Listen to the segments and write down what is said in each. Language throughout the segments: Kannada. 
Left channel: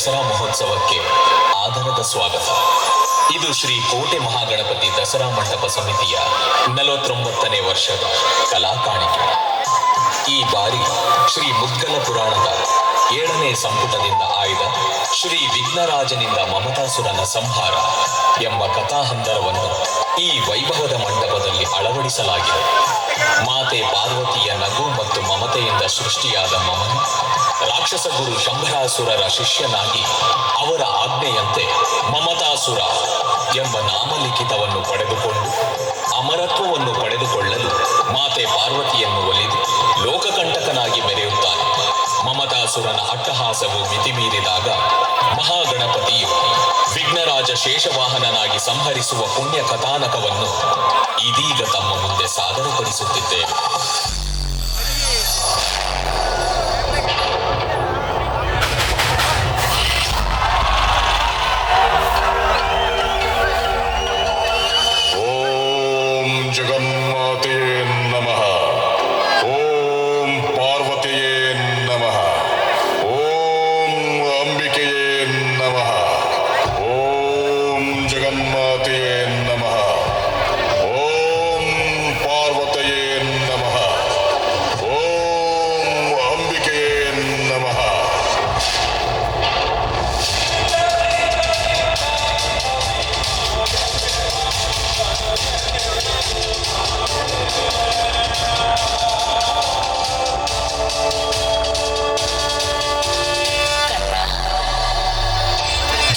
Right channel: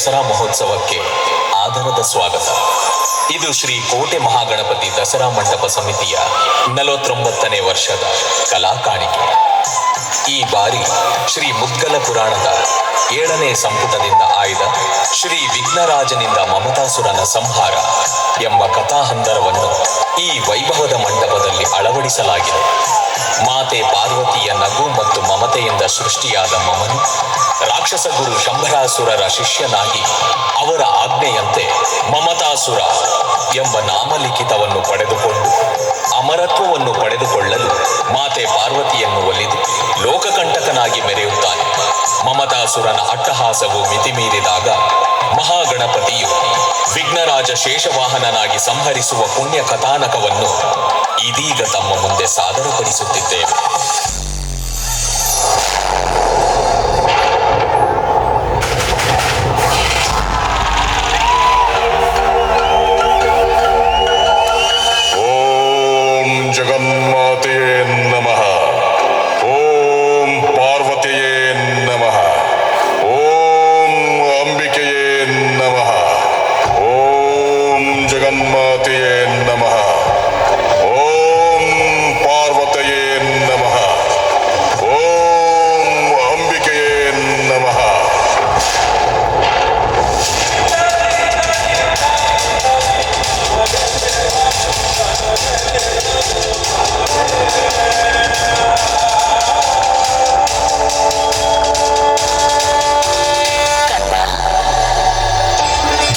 ದಸರಾ ಮಹೋತ್ಸವಕ್ಕೆ ಆದರದ ಸ್ವಾಗತ. ಇದು ಶ್ರೀ ಕೋಟೆ ಮಹಾಗಣಪತಿ ದಸರಾ ಮಂಟಪ ಸಮಿತಿಯ 49ನೇ ವರ್ಷದ ಕಲಾ ಕಾಣಿಕೆ. ಈ ಬಾರಿ ಶ್ರೀ ಮುದ್ಗಲ ಪುರಾಣದ 7ನೇ ಸಂಪುಟದಿಂದ ಆಯ್ದ ಶ್ರೀ ವಿಘ್ನರಾಜನಿಂದ ಮಮತಾಸುರನ ಸಂಹಾರ ಎಂಬ ಕಥಾಹಂದರವನ್ನು ಈ ವೈಭವದ ಮಂಟಪದಲ್ಲಿ ಅಳವಡಿಸಲಾಗಿದೆ. ಮಾತೆ ಪಾರ್ವತಿಯ ನಗು ಮತ್ತು ಮಮತೆಯಿಂದ ಸೃಷ್ಟಿಯಾದ ಮಮನು ರಾಕ್ಷಸ ಗುರು ಶಂಭರಾಸುರರ ಶಿಷ್ಯನಾಗಿ ಅವರ ಆಜ್ಞೆಯಂತೆ ಮಮತಾಸುರ ಎಂಬ ನಾಮಲಿಖಿತವನ್ನು ಪಡೆದುಕೊಂಡು ಅಮರತ್ವವನ್ನು ಪಡೆದುಕೊಳ್ಳಲು ಮಾತೆ ಪಾರ್ವತಿಯನ್ನು ಒಲಿದು ಲೋಕಕಂಟಕನಾಗಿ ಮೆರೆಯುತ್ತಾನೆ. ಮಮತಾಸುರನ ಅಟ್ಟಹಾಸವು ಮಿತಿಮೀರಿದಾಗ ಮಹಾಗಣಪತಿಯು ವಿಘ್ನರಾಜ ಶೇಷವಾಹನನಾಗಿ ಸಂಹರಿಸುವ ಪುಣ್ಯ ಕಥಾನಕವನ್ನು ಇದೀಗ ತಮ್ಮ ಮುಂದೆ ಸಾದರಪಡಿಸುತ್ತಿದ್ದೇವೆ. ಓಂ ಜಗನ್ಮಾತೆಯೇ ನಮಃ. ಓಂ ಪಾರ್ವತಿಯೇ ನಮಃ. ಓಂ ಅಂಬಿಕೆಯೇ ನಮಃ. ಓಂ ಜಗನ್ಮಾತೆಯೇ ನಮಃ. ಓಂ ಪಾರ್ವತಿಯೇ ನಮಃ. ಓಂ ಅಂಬಿಕೆಯೇ ನಮಃ.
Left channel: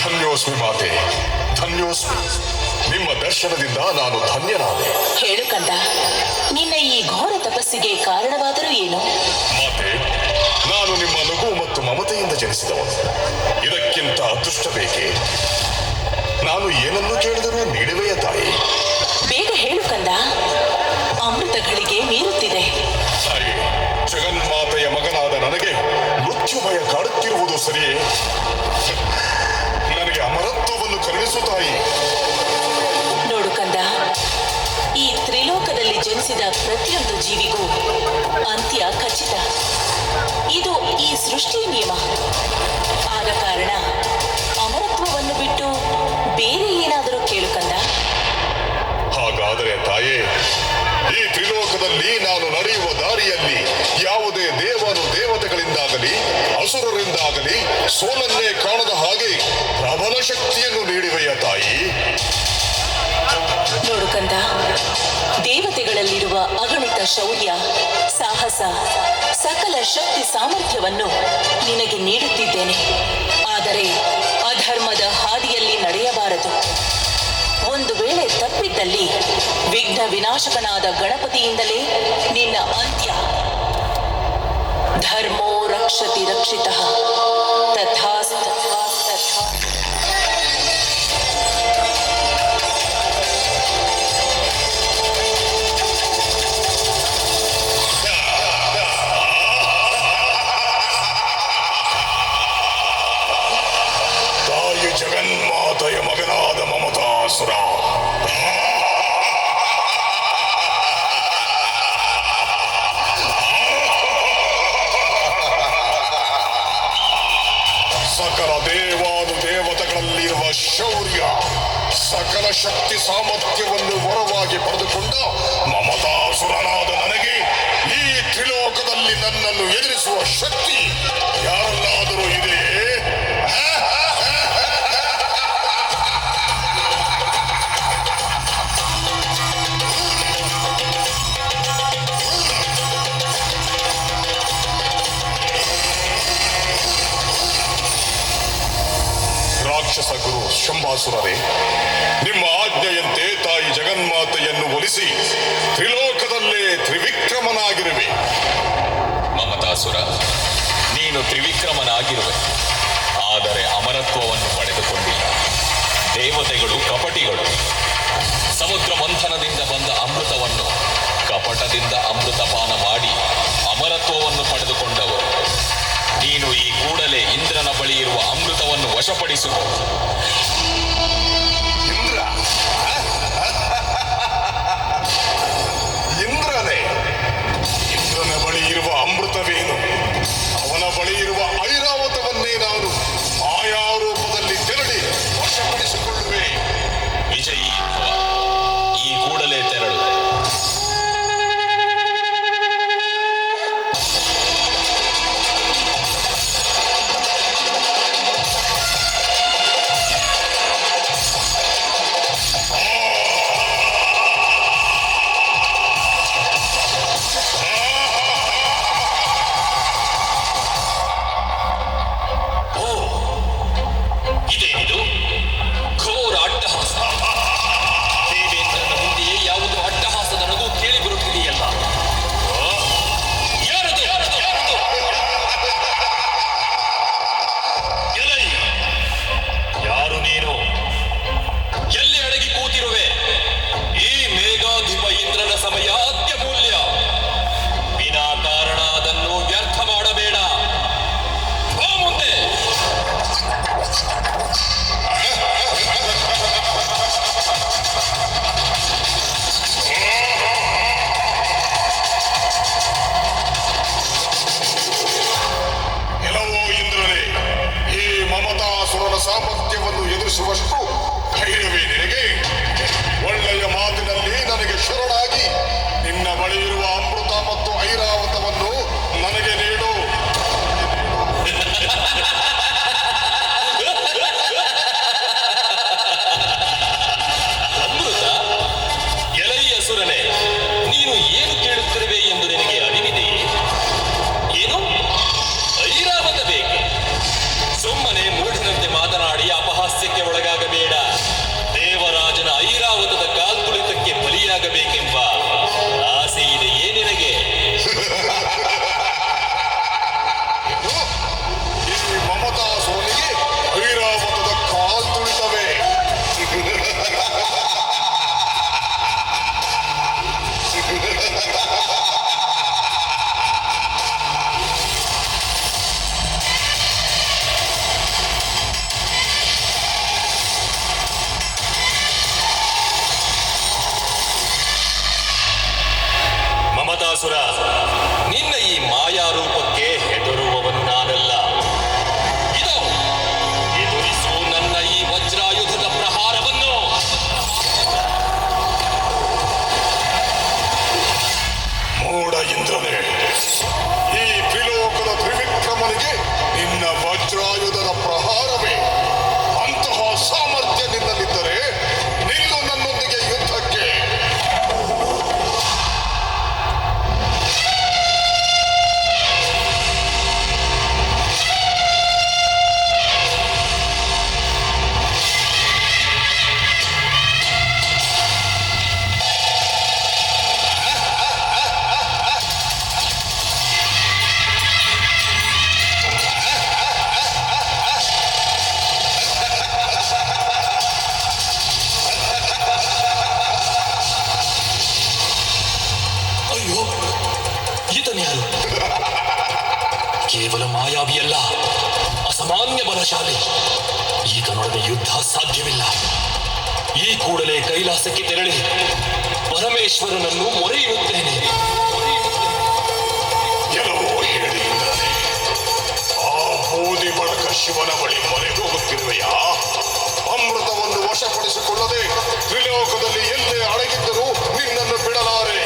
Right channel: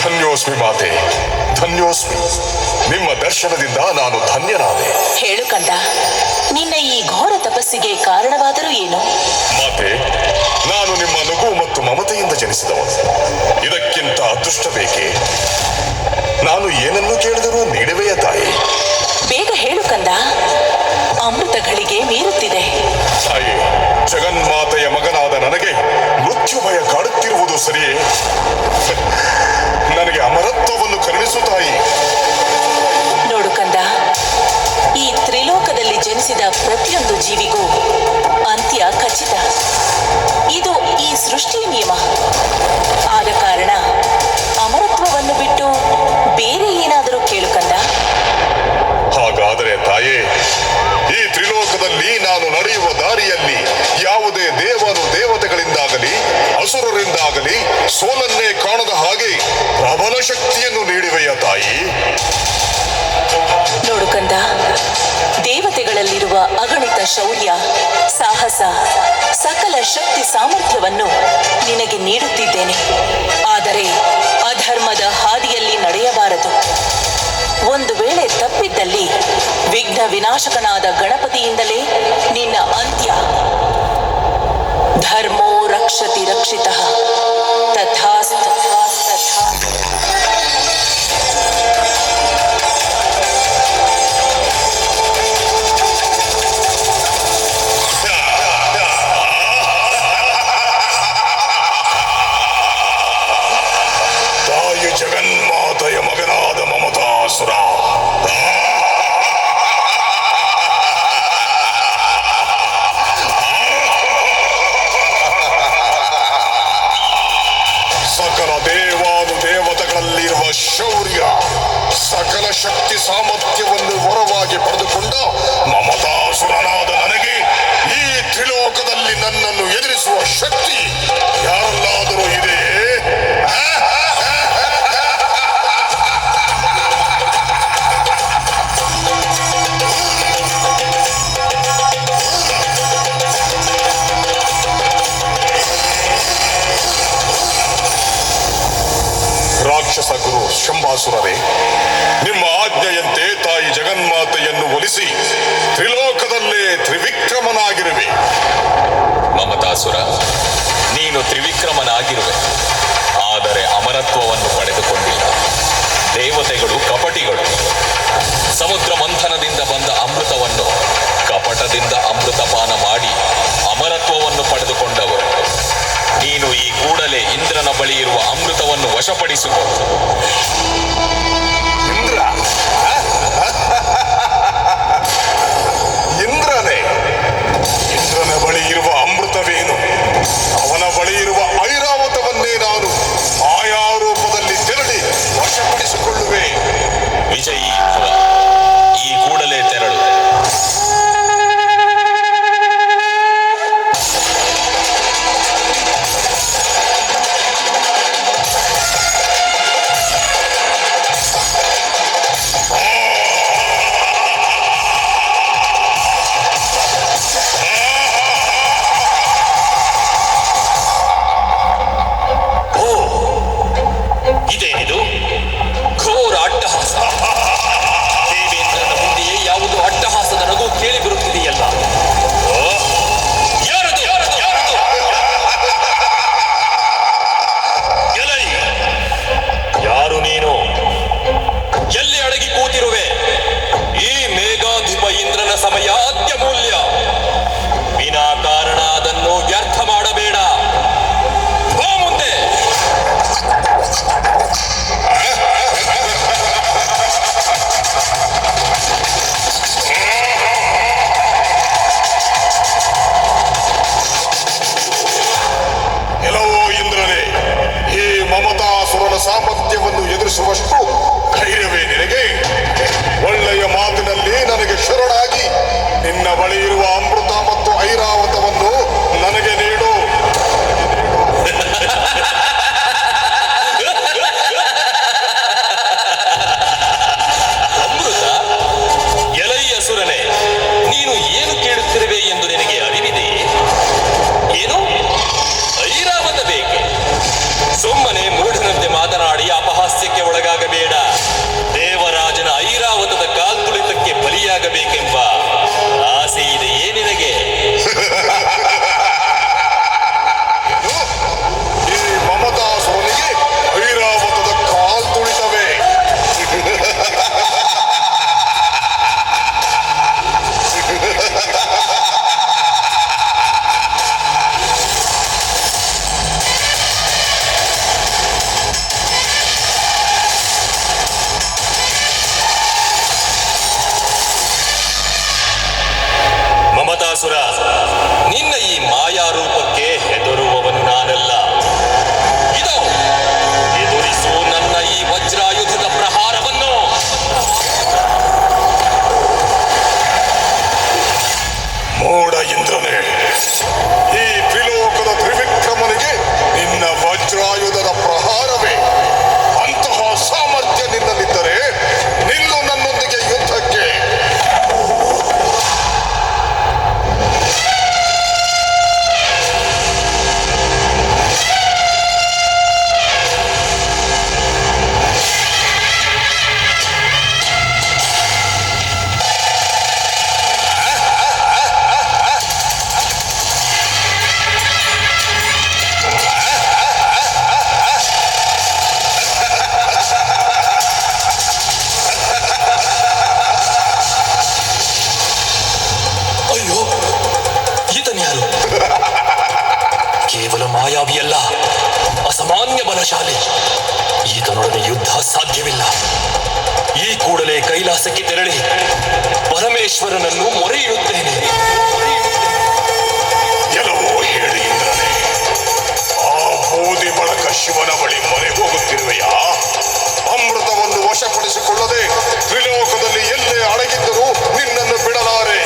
ಧನ್ಯೋಸ್ಮಿ ಮಾತೆ, ಧನ್ಯೋಸ್ಮಿ. ನಿಮ್ಮ ದರ್ಶನದಿಂದ ನಾನು ಧನ್ಯನಾದೆ. ಹೇಳು ಕಂದ, ನಿನ್ನ ಈ ಘೋರ ತಪಸ್ಸಿಗೆ ಕಾರಣವಾದರೂ ಏನು? ಮಾತೆ, ನಾನು ನಿಮ್ಮ ನಗು ಮತ್ತು ಮಮತೆಯಿಂದ ಜನಿಸಿದವನು. ಇದಕ್ಕಿಂತ ಅದೃಷ್ಟ ಬೇಕೆ? ನಾನು ಏನನ್ನು ಕೇಳಿದರೂ ನೀಡುವೆಯ ತಾಯಿ? ಬೇಗ ಹೇಳು ಕಂದ, ಅಮೃತಗಳಿಗೆ ಮೀರುತ್ತಿದೆ. ತಾಯಿ, ಜಗನ್ಮಾತೆಯ ಮಗನಾದ ನನಗೆ ಮೃತ್ಯು ಭಯ ಕಾಡುತ್ತಿರುವುದು ಸರಿಯೇ? ನನಗೆ ಅಮರತ್ವವನ್ನು ಕರುಣಿಸು ತಾಯಿ. ನೋಡು ಕಂದ, ಈ ತ್ರಿಲೋಕದಲ್ಲಿ ಜನಿಸಿದ ಪ್ರತಿಯೊಂದು ಜೀವಿಗೂ ಅಂತ್ಯ ಖಚಿತ. ಇದು ಈ ಸೃಷ್ಟಿಯ ನಿಯಮ. ಆದ ಕಾರಣ ಅಮರತ್ವವನ್ನು ಬಿಟ್ಟು ಬೇರೆ ಏನಾದರೂ ಕೇಳು ಕಂದ. ಹಾಗಾದರೆ ತಾಯೇ, ಈ ತ್ರಿಲೋಕದಲ್ಲಿ ನಾನು ನಡೆಯುವ ದಾರಿಯಲ್ಲಿ ಯಾವುದೇ ದೇವತೆಗಳಿಂದಾಗಲಿ ಅಸುರರಿಂದಾಗಲಿ ಸೋಲನ್ನೇ ಕಾಣದ ಹಾಗೆ ಪ್ರಬಲ ಶಕ್ತಿಯನ್ನು ನೀಡುವೆಯ ತಾಯಿ? ನೋಡು ಕಂದ, ದೇವತೆಗಳಲ್ಲಿರುವ ಅಗಣಿತ ಶೌರ್ಯ, ಸಾಹಸ, ಸಕಲ ಶಕ್ತಿ ಸಾಮರ್ಥ್ಯವನ್ನು ನಿನಗೆ ನೀಡುತ್ತಿದ್ದೇನೆ. ಆದರೆ ಅಧರ್ಮದ ಹಾದಿಯಲ್ಲಿ ನಡೆಯಬಾರದು. ಒಂದು ವೇಳೆ ತಪ್ಪಿದ್ದಲ್ಲಿ ವಿಘ್ನ ವಿನಾಶಕನಾದ ಗಣಪತಿಯಿಂದಲೇ ನಿನ್ನ ಅಂತ್ಯ. ಧರ್ಮೋ ರಕ್ಷತಿ ರಕ್ಷಿತಃ ತಥಾಸ್ತು. ತಾಯಿ ಜಗನ್ಮಾತೆಯ ಮಗನಾದ ಮಮತಾಸುರ, ಸಕಲ ದೇವತೆಗಳಲ್ಲಿರುವ ಶೌರ್ಯ, ಸಕಲ ಶಕ್ತಿ ಸಾಮರ್ಥ್ಯವನ್ನು ವರವಾಗಿ ಪಡೆದುಕೊಂಡ ಮಮತಾಸುರನಾದ ನನಗೆ ಈ ತ್ರಿಲೋಕದಲ್ಲಿ ನನ್ನನ್ನು ಎದುರಿಸುವ ಶಕ್ತಿ ಯಾರಲ್ಲಾದರೂ ಇದೆಯೇ? ರಾಕ್ಷಸ ಗುರು ಶಂಭಾಸುರರೇ, ನಿಮ್ಮ ಆಜ್ಞೆಯಂತೆ ತಾಯಿ ಜಗನ್ಮಾತೆಯನ್ನು ಒಲಿಸಿ ತ್ರಿಲೋಕದಲ್ಲೇ ತ್ರಿವಿಕ್ರಮನಾಗಿರುವೆ. ಮಮತಾಸುರ, ನೀನು ತ್ರಿವಿಕ್ರಮನಾಗಿರುವೆ, ಆದರೆ ಅಮರತ್ವವನ್ನು ಪಡೆದುಕೊಂಡಿಲ್ಲ. ದೇವತೆಗಳು ಕಪಟಿಗಳು. ಸಮುದ್ರ ಮಂಥನದಿಂದ ಬಂದ ಅಮೃತವನ್ನು ಕಪಟದಿಂದ ಅಮೃತಪಾನ ಮಾಡಿ ಅಮರತ್ವವನ್ನು ಪಡೆದುಕೊಂಡವರು. ನೀನು ಈ ಕೂಡಲೇ ಇಂದ್ರನ ಬಳಿ ಇರುವ ಅಮೃತವನ್ನು ವಶಪಡಿಸುವ. ಇಂದ್ರ? ಇಂದ್ರನೇ? ಇಂದ್ರನ ಬಳಿ ಇರುವ ಅಮೃತವೇನು? ಅವನ ಬಳಿ ಇರುವ ಐರಾವತವನ್ನೇ ನಾನು ಮಾಯಾ ಮಮತಾಸುರ, ನಿನ್ನ ಈ ಮಾಯಾ ರೂಪಕ್ಕೆ ಹೆದರುವವನು ನಾನಲ್ಲ. ಇದೋ ಎದುರಿಸು ನನ್ನ ಈ ವಜ್ರಾಯುಧದ ಪ್ರಹಾರವನ್ನು. ಮೋಡ ಇಂದ್ರನೇ, ಈ ತ್ರಿಲೋಕದ ತ್ರಿವಿಕ್ರಮನಿಗೆ ನಿನ್ನ ವಜ್ರಾಯುಧದ ಪ್ರಹಾರವೇ. ಅಂತಹ ಸಾಮರ್ಥ್ಯ ನಿನ್ನಲ್ಲಿದ್ದರೆ ನಿಲ್ಲು ನನ್ನೊಂದಿಗೆ ಯುದ್ಧಕ್ಕೆ. ಅಯ್ಯೋ, ಈತನ್ಯಾರು? ಕೇವಲ ಮಾಯಾವಿಯಲ್ಲ, ಅಸಾಮಾನ್ಯ ಬಲಶಾಲಿ. ಈತನೊಡನೆ ಯುದ್ಧ ಸಾಧ್ಯವಿಲ್ಲ. ಈ ಕೂಡಲೇ ಕೈಲಾಸಕ್ಕೆ ತೆರಳಿ ಪರಮೇಶ್ವರನನ್ನು ಮೊರೆಯಿಡುತ್ತೇನೆ. ಎಲ್ಲವೋ ಹೇಳಿ ಇಂದ್ರನೇ, ಆ ಬೂದಿ ಬಳಕ ಶಿವನ ಬಳಿ ಮೊರೆ ಹೋಗುತ್ತಿರುವೆಯಾ? ಅಮೃತವನ್ನು ವಶಪಡಿಸಿಕೊಳ್ಳದೆ ತ್ರಿಲೋಕದಲ್ಲಿ ಎಲ್ಲೇ ಅಡಗಿದ್ದರೂ ನಿನ್ನನ್ನು ಬಿಡಲಾರೆ.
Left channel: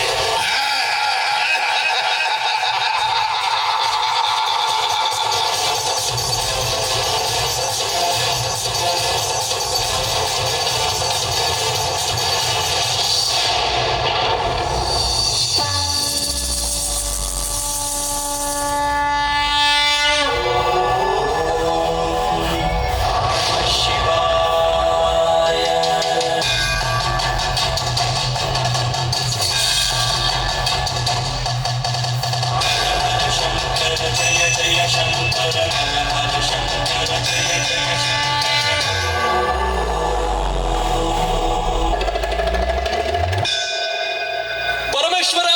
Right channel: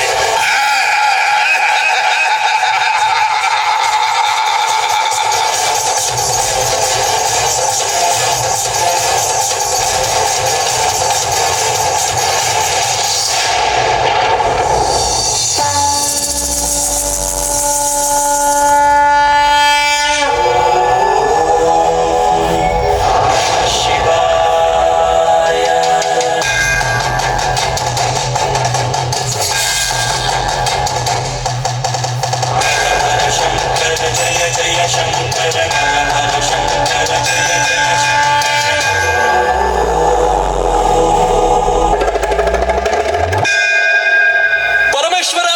ಪರಮೇಶ್ವರ,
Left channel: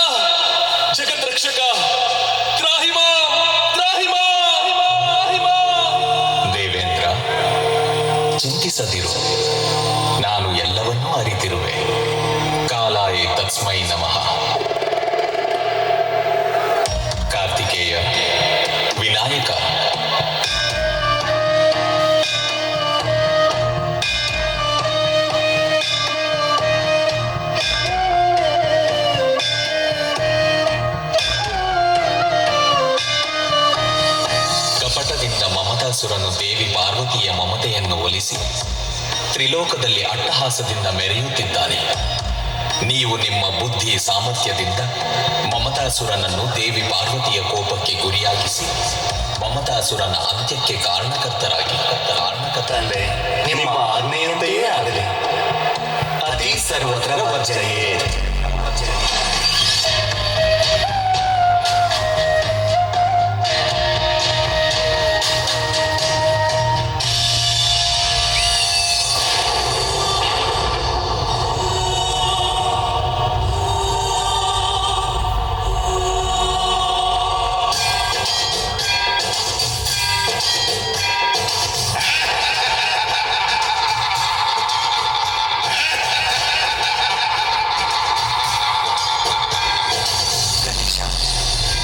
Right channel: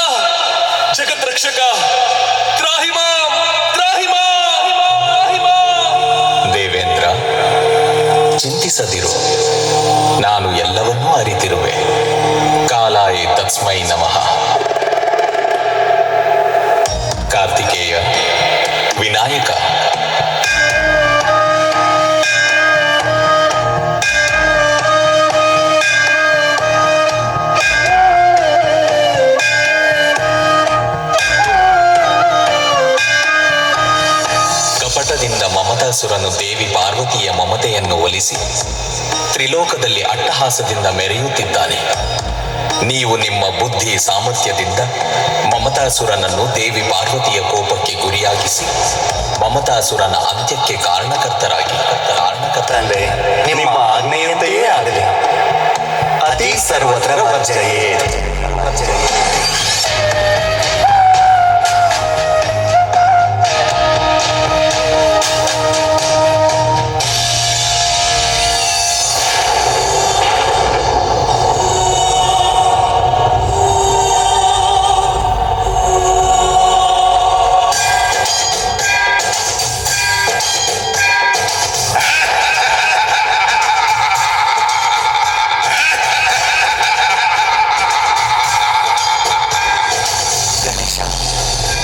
ಜಗದ್ರಕ್ಷಕ, ತ್ರಾಹಿ ಮಾಂ, ತ್ರಾಹಿ ಮಾಂ, ತ್ರಾಹಿ ಮಾಂ. ದೇವೇಂದ್ರ, ಚಿಂತಿಸದಿರು. ನಾನು ಎಲ್ಲವನ್ನೂ ಅರಿತಿರುವೆ. ಕಾಲಾಯ ತಸ್ಮೈ ನಮಃ. ಕಾರ್ತಿಕೇಯ, ವಿನಾಯಕ, ಕಪಟದಿಂದ ಮಮತಾಸುರನು ದೇವಿ ಪಾರ್ವತಿಯ ಮಮತೆಯನ್ನು ಒಲಿಸಿ ತ್ರಿಲೋಕದಲ್ಲಿ ಅಟ್ಟಹಾಸದಿಂದ ಮೆರೆಯುತ್ತಿದ್ದಾನೆ. ನೀವು ನಿಮ್ಮ ಬುದ್ಧಿ ಸಾಮರ್ಥ್ಯದಿಂದ ಮಮತಾಸುರನನ್ನು ದೇವಿ ಪಾರ್ವತಿಯ ಕೋಪಕ್ಕೆ ಗುರಿಯಾಗಿಸಿ ಮಮತಾಸುರನ ಅಂತ್ಯಕ್ಕೆ ಕಾರಣಕರ್ತರಾಗಿ ತಂದೆ, ನಿಮ್ಮ ಆಜ್ಞೆಯಂತೆಯೇ ಆಗಲಿ. ಅತಿ ಸರ್ವತ್ರ ವರ್ಜಯೇ.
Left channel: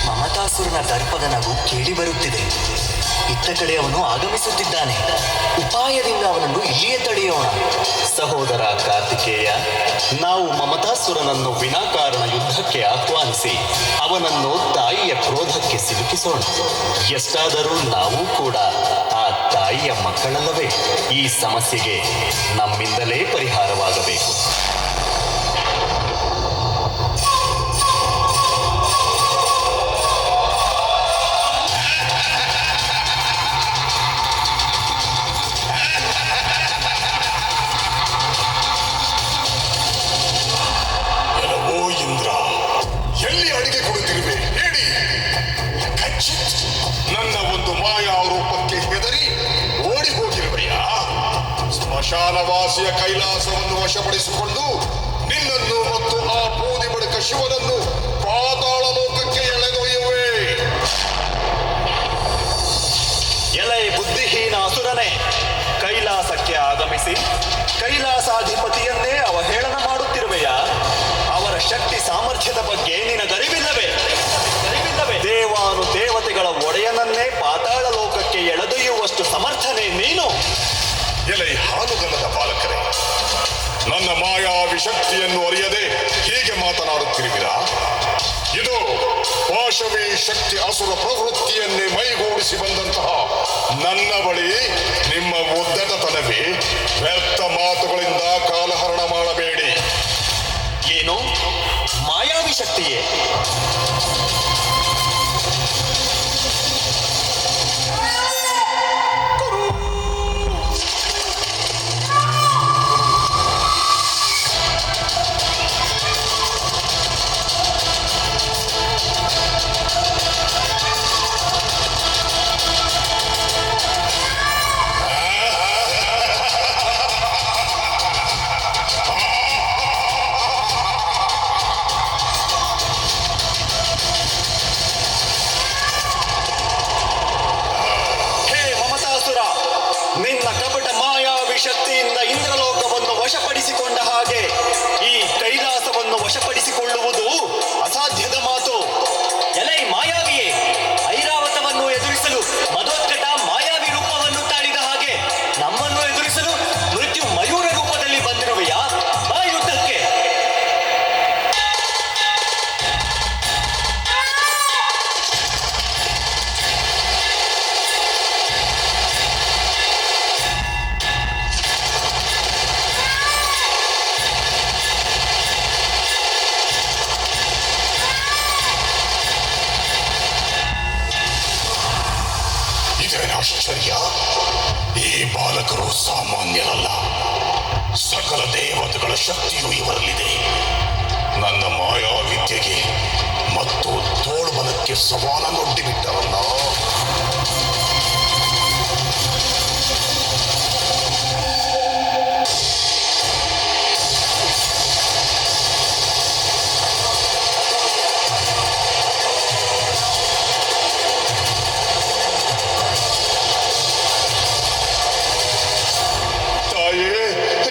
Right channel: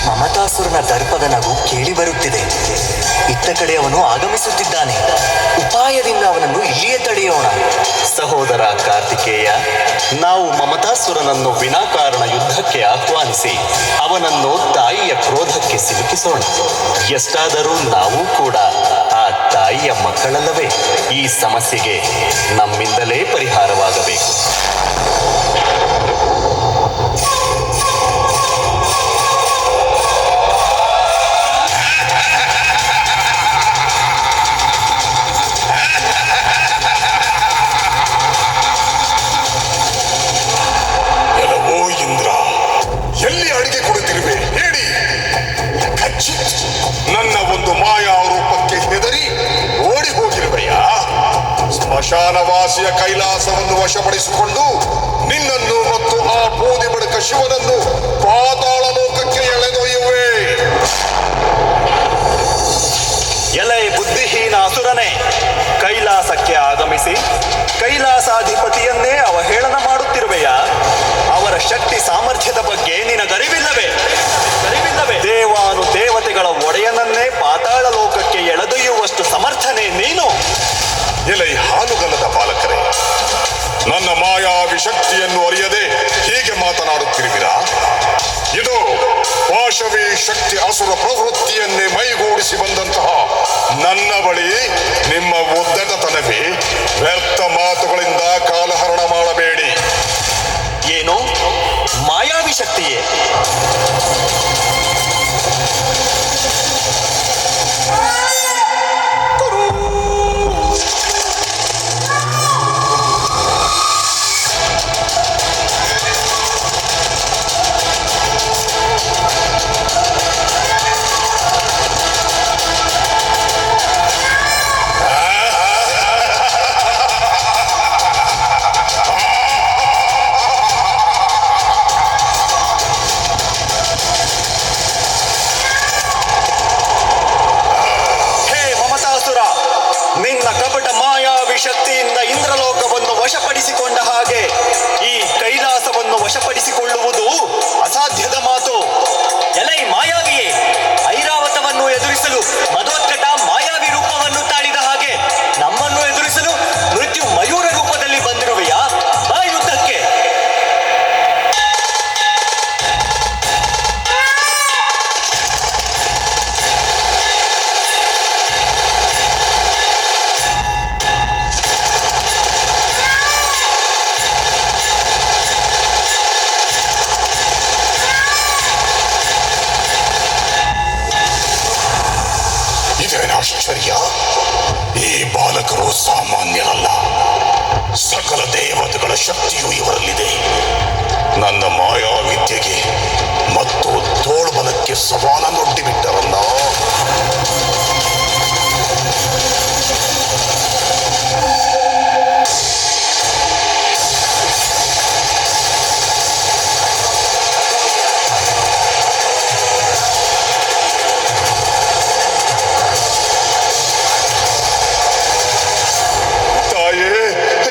ಮಮತಾಸುರನ ದರ್ಪದ ನಗು ಕೇಳಿ ಬರುತ್ತಿದೆ. ಇತ್ತ ಕಡೆ ಅವನು ಆಗಮಿಸುತ್ತಿದ್ದಾನೆ. ಉಪಾಯದಿಂದ ಅವನನ್ನು ಇಲ್ಲಿಯೇ ತಡೆಯೋಣ. ಸಹೋದರ ಕಾರ್ತಿಕೇಯ, ನಾವು ಮಮತಾಸುರನನ್ನು ವಿನಾಕಾರಣ ಯುದ್ಧಕ್ಕೆ ಆಹ್ವಾನಿಸಿ ಅವನನ್ನು ತಾಯಿಯ ಕ್ರೋಧಕ್ಕೆ ಸಿಲುಕಿಸೋಣ. ಎಷ್ಟಾದರೂ ನಾವು ಕೂಡ ಆ ತಾಯಿಯ ಮಕ್ಕಳಲ್ಲವೇ? ಈ ಸಮಸ್ಯೆಗೆ ನಮ್ಮಿಂದಲೇ ಪರಿಹಾರವಾಗಬೇಕು. ನನ್ನ ಒಂದು ಮಾಯಾ ರೂಪಕ್ಕೆ ಹೆದರಿ ಓಡಿ ಹೋಗಿರುವೆಯಾ? ಸ್ಮಶಾನವಾಸಿಯ ಕೈಲಾಸವನ್ನು ವಶಪಡಿಸಿಕೊಂಡು ನಿನ್ನನ್ನು ಮತ್ತು ಆ ಬೂದಿ ಬಳಿಕ ಶಿವನನ್ನು ಪಾತಾಳ ಲೋಕಕ್ಕೆ ಎಳೆದೊಯ್ಯುವೆ. ಎಲೆ ಬುದ್ಧಿಹೀನ ಅಸುರನೇ, ಕೈಲಾಸಕ್ಕೆ ಆಗಮಿಸಿ ಕೈಲಾಸಾಧಿಪತಿಯನ್ನೇ ಅವಹೇಳನ ಮಾಡುತ್ತಿರುವೆಯಾ? ಅವರ ಶಕ್ತಿ ಸಾಮರ್ಥ್ಯದ ಬಗ್ಗೆ ನಿನಗರಿವಿಲ್ಲವೇ? ಮಾಯಾವಿ ಶಕ್ತಿಯನ್ನು ಅರಿಯದೆ ಹೀಗೆ ಮಾತನಾಡುತ್ತಿರುವಿರಾ? ಇದು ಪಾಶವಿ ಶಕ್ತಿ ಅಸುರ ಪ್ರವೃತ್ತಿಯನ್ನೇ ಮೈಗೂಡಿಸಿ ಬಂದಂತಹ ನನ್ನ ಬಳಿ ನಿಮ್ಮ ಉದ್ದಟತನವೇ? ವ್ಯರ್ಥ ಮಾತುಗಳಿಂದ ಕಾಲಹರಣ ಮಾಡಬೇಡಿ. ಏನು ಮಾಯಾವಿ ಶಕ್ತಿಯೇ? ನಿನ್ನ ಕಪಟ ಮಾಯಾವಿ ಶಕ್ತಿಯಿಂದ ಇಂದ್ರಲೋಕವನ್ನು ವಶಪಡಿಸಿಕೊಂಡ ಹಾಗೆ ಈ ಕೈಲಾಸವನ್ನು ವಶಪಡಿಸಿಕೊಳ್ಳುವುದು ಅಸಾಧ್ಯದ ಮಾತು. ಎಲೈ ಮಾಯಾವಿಯೇ, ಐರಾವತವನ್ನು ಎದುರಿಸಲು ಮಧೋತ್ಕಟ ಮಾಯಾವಿ ರೂಪವನ್ನು ತಾಳಿದ ಹಾಗೆ ನಮ್ಮನ್ನು ಎದುರಿಸಲು ಮೃತ್ಯು ಮಯೂರ ರೂಪದಲ್ಲಿ ಬಂದಿರುವೆಯಾ? ಬಾ ಯುದ್ಧಕ್ಕೆ. ಆಶ್ಚರ್ಯ, ಈ ಬಾಲಕರು ಸಾಮಾನ್ಯರಲ್ಲ. ಸಕಲ ದೇವತೆಗಳ ಶಕ್ತಿಯು ಇವರಲ್ಲಿದೆ. ನನ್ನ ಮಾಯಾವಿದ್ಯೆಗೆ ಮತ್ತು ತೋಳ್ಬಲಕ್ಕೆ ಸವಾಲನ್ನೊಡ್ಡಿಬಿಟ್ಟರಲ್ಲ.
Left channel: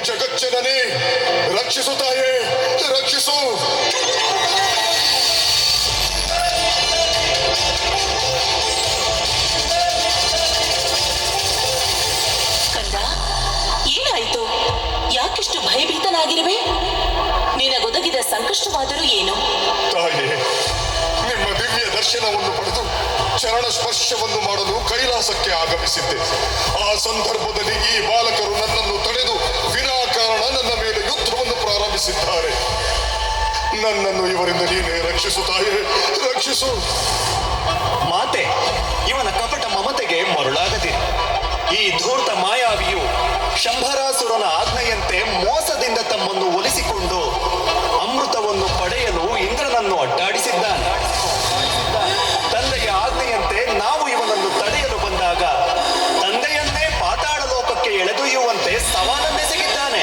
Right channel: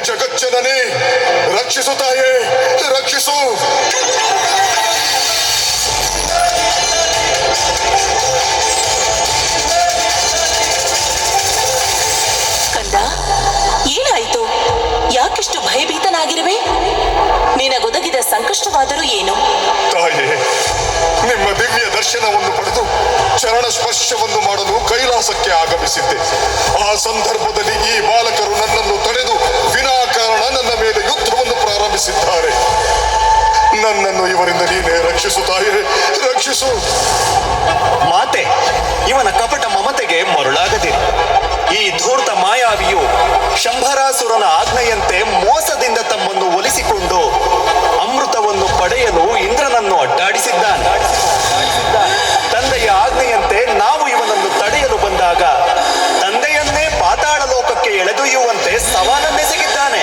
ಜಗಜ್ಜನನಿ, ರಕ್ಷಿಸು ತಾಯೇ, ರಕ್ಷಿಸು. ಕಂದ, ಏನಾಯಿತು? ಯಾಕಿಷ್ಟು ಭಯಭೀತನಾಗಿರುವೆ? ನಿನಗೊದಗಿದ ಸಂಕಷ್ಟವಾದರೂ ಏನು? ತಾಯೇ, ನಿಮ್ಮ ದಿವ್ಯ ದರ್ಶನವನ್ನು ಪಡೆದು ಚರಣ ಸ್ಪರ್ಶವನ್ನು ಮಾಡಲು ಕೈಲಾಸಕ್ಕೆ ಆಗಮಿಸಿದ್ದೆ. ಆ ಸಂದರ್ಭದಲ್ಲಿ ಈ ಬಾಲಕರು ನನ್ನನ್ನು ತಡೆದು ವಿನಾಕಾರಣ ನನ್ನ ಮೇಲೆ ಯುದ್ಧವನ್ನು ಪ್ರಾರಂಭಿಸಿದ್ದಾರೆ. ನನ್ನನ್ನು ಇವರಿಂದ ನೀನೇ ರಕ್ಷಿಸು ತಾಯೇ, ರಕ್ಷಿಸು. ಮಾತೆ, ಇವನ ಕಪಟ ಮಮತೆಗೆ ಮರುಳಾಗದೆ. ಈ ಧೂರ್ತ ಮಾಯಾವಿಯು ಶಂಭರಾಸುರನ ಆಜ್ಞೆಯಂತೆ ಮೋಸದಿಂದ ತಮ್ಮನ್ನು ಒಲಿಸಿಕೊಂಡು ಅಮೃತವನ್ನು ಪಡೆಯಲು ಇಂದ್ರನನ್ನು ಅಡ್ಡಾಡಿಸಿದ್ದಾನೆ. ತಂದೆಯ ಆಜ್ಞೆಯಂತೆ ನಾವು ಇವನನ್ನು ತಡೆಯಲು ಬಂದಾಗ ತಂದೆಯನ್ನೇ ಪಾತಾಳ ಲೋಕಕ್ಕೆ ಎಳೆದೊಯ್ಯುವಂತೆ ಸವಾಲನ್ನೆಸಗಿದ್ದಾನೆ.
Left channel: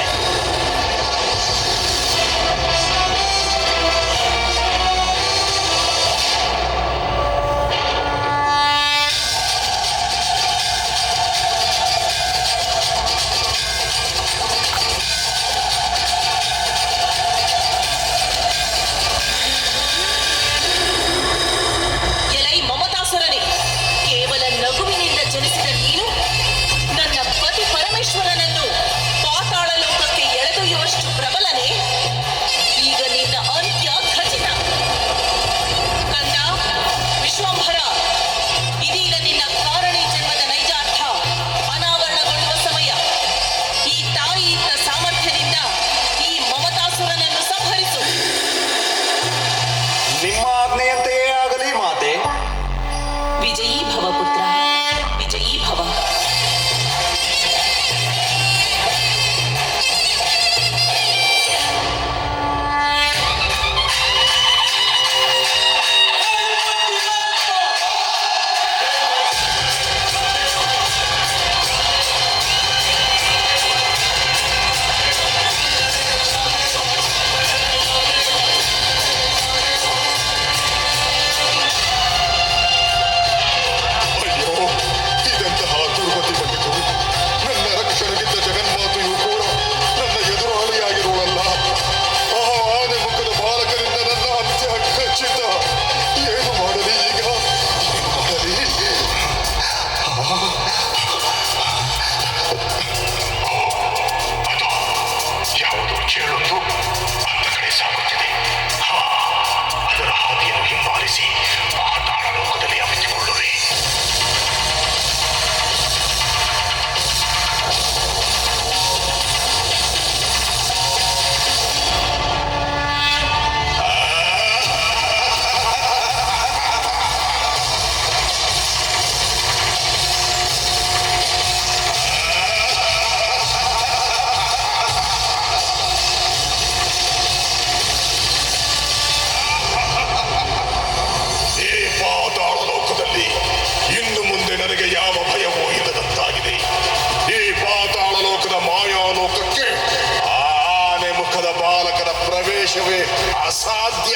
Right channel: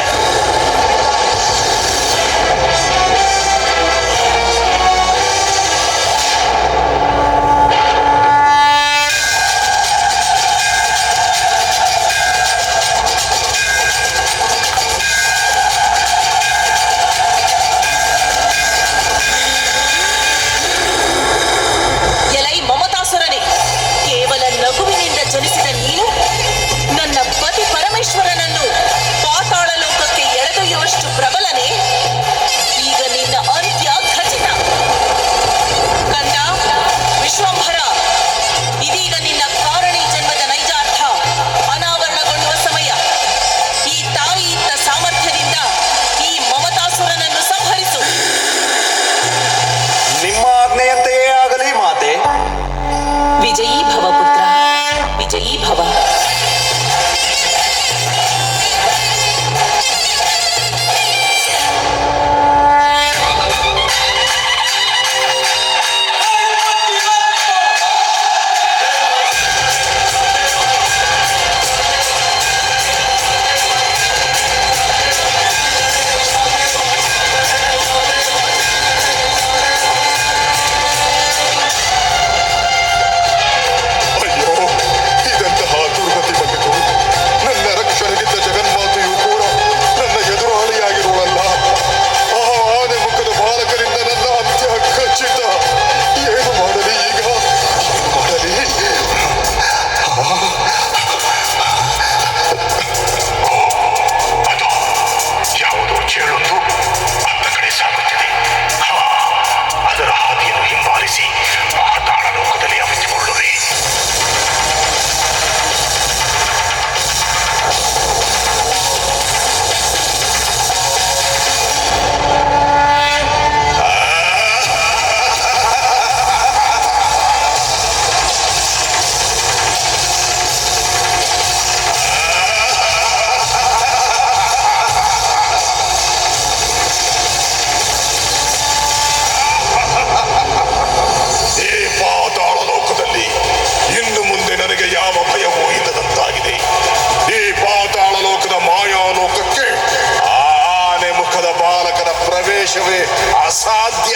ರೂಪದ ಬಾಲಕನ ಪ್ರವೇಶವೇ ಅಸಾಧ್ಯ.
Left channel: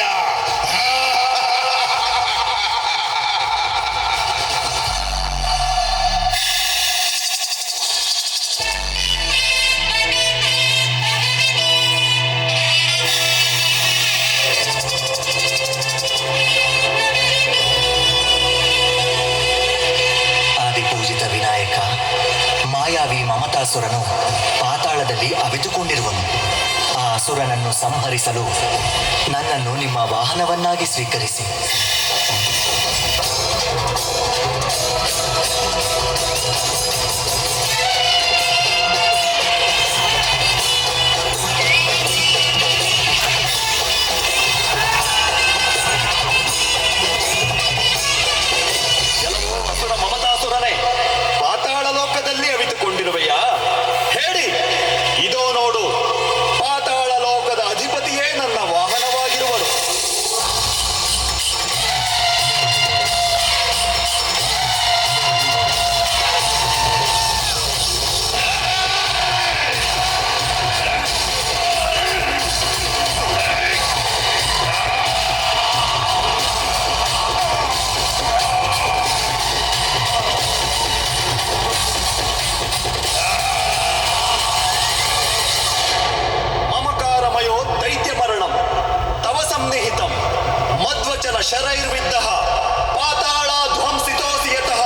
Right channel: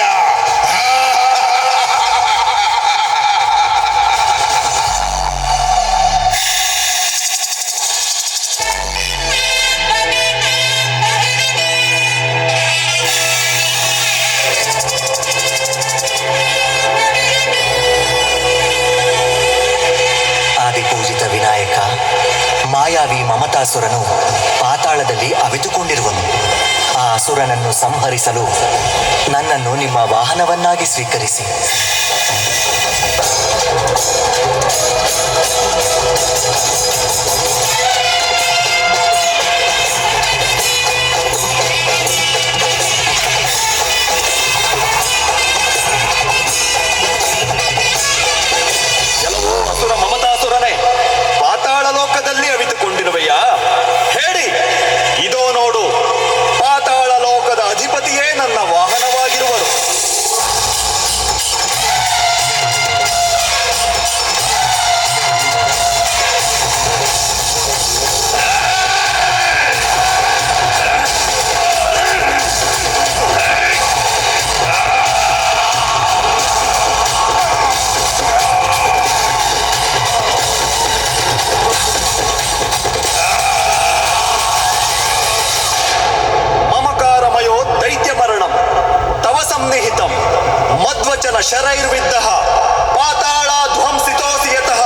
ಆದಿಪೂಜಿತ ವಿನಾಯಕ, ಮಾಯಾವಿ ಮಮತಾಸುರನು ಪಾತಾಳದಲ್ಲಿ ಅವಿತುಕೊಂಡಿರುವನು. ಆ ಅಸುರನನ್ನು ಸಂಹರಿಸಲು ನನ್ನನ್ನು ನಿಮ್ಮ ವಾಹನವನ್ನಾಗಿ ಸ್ವೀಕರಿಸಿ. ಕೆಲವು ಅಸುರ ಮಮತಾಸುರನೇ, ಪಾತಾಳ ಲೋಕದಲ್ಲಿ ಅವಿತುಕೊಂಡಿರುವೆಯಾ? ಹೇಳಿ, ಇದೋ ನೋಡು, ಪಾತಾಳ ಲೋಕದ ಅಧಿಪತಿಯೇ ನನ್ನ ವಾಹನವಾಗಿರುವರು. ಮಮಕಾರಮಯೋ ದೈತ್ಯ ಮರಣಂ ತವ ಸಂನಿಹಿತಂ ಮಧ್ವಚನ ಶರೈರ್ವಿದ್ದಃ ಪಾತಾಳ ಧ್ವಂಸಿತೋಸಿ ಯತಃ.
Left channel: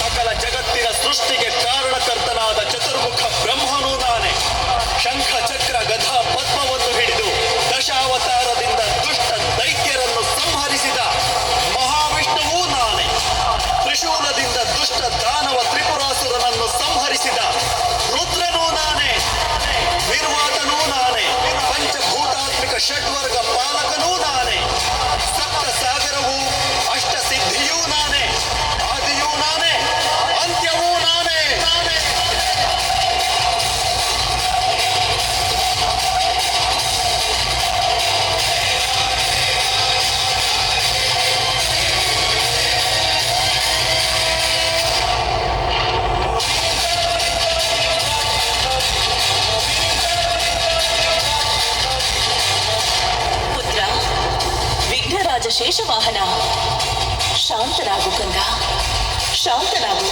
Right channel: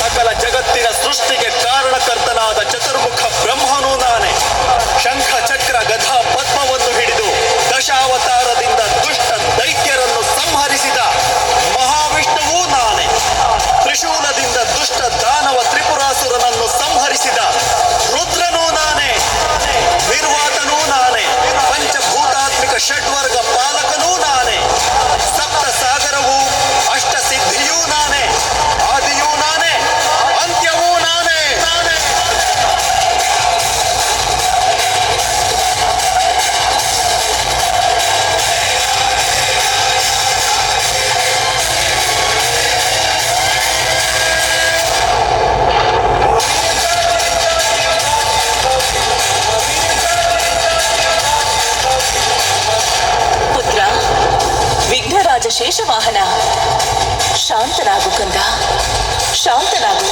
ಸಕಲ ಜಗತ್ತಿನ ಸೃಷ್ಟಿಗೆ ಕಾರಣಕರ್ತನಾದ ಚತುರ್ಮುಖ ಬ್ರಹ್ಮನೂ ನಾನೇ. ಶಂಖ ಚಕ್ರ ಗದಾ ಪದ್ಮವನ್ನು ಹಿಡಿದು ದಶಾವತಾರದಿಂದ ದುಷ್ಟ ದೈತ್ಯರನ್ನು ಸಂಹರಿಸಿದ ಮಹಾವಿಷ್ಣುವೂ ನಾನೇ. ತ್ರಿಶೂಲದಿಂದ ದುಷ್ಟ ದಾನವ ತ್ರಿಪುರಾಸುರನನ್ನು ಸಂಹರಿಸಿದ ರುದ್ರನೂ ನಾನೇ. ನಿರ್ವಾತನೂ ನಾನೇ. ಪಂಚಭೂತಾತ್ಮಿಕ ಷಡ್ವರ್ಗ ಪಾಲಕನೂ ನಾನೇ. ಸಪ್ತ ಸಾಗರವೂ ಅಷ್ಟ ಸಿದ್ಧಿಯೂ ನಾನೇ. ಆದಿಯೂ ನಾನೇ, ಅಂತ್ಯವೂ ನಾನೇ. ಪುತ್ರ ವಿಘ್ನರಾಜ ಶೇಷವಾಹನ, ಶಾಂತನಾಗು ಕಂದ, ಶಾಂತನಾಗು.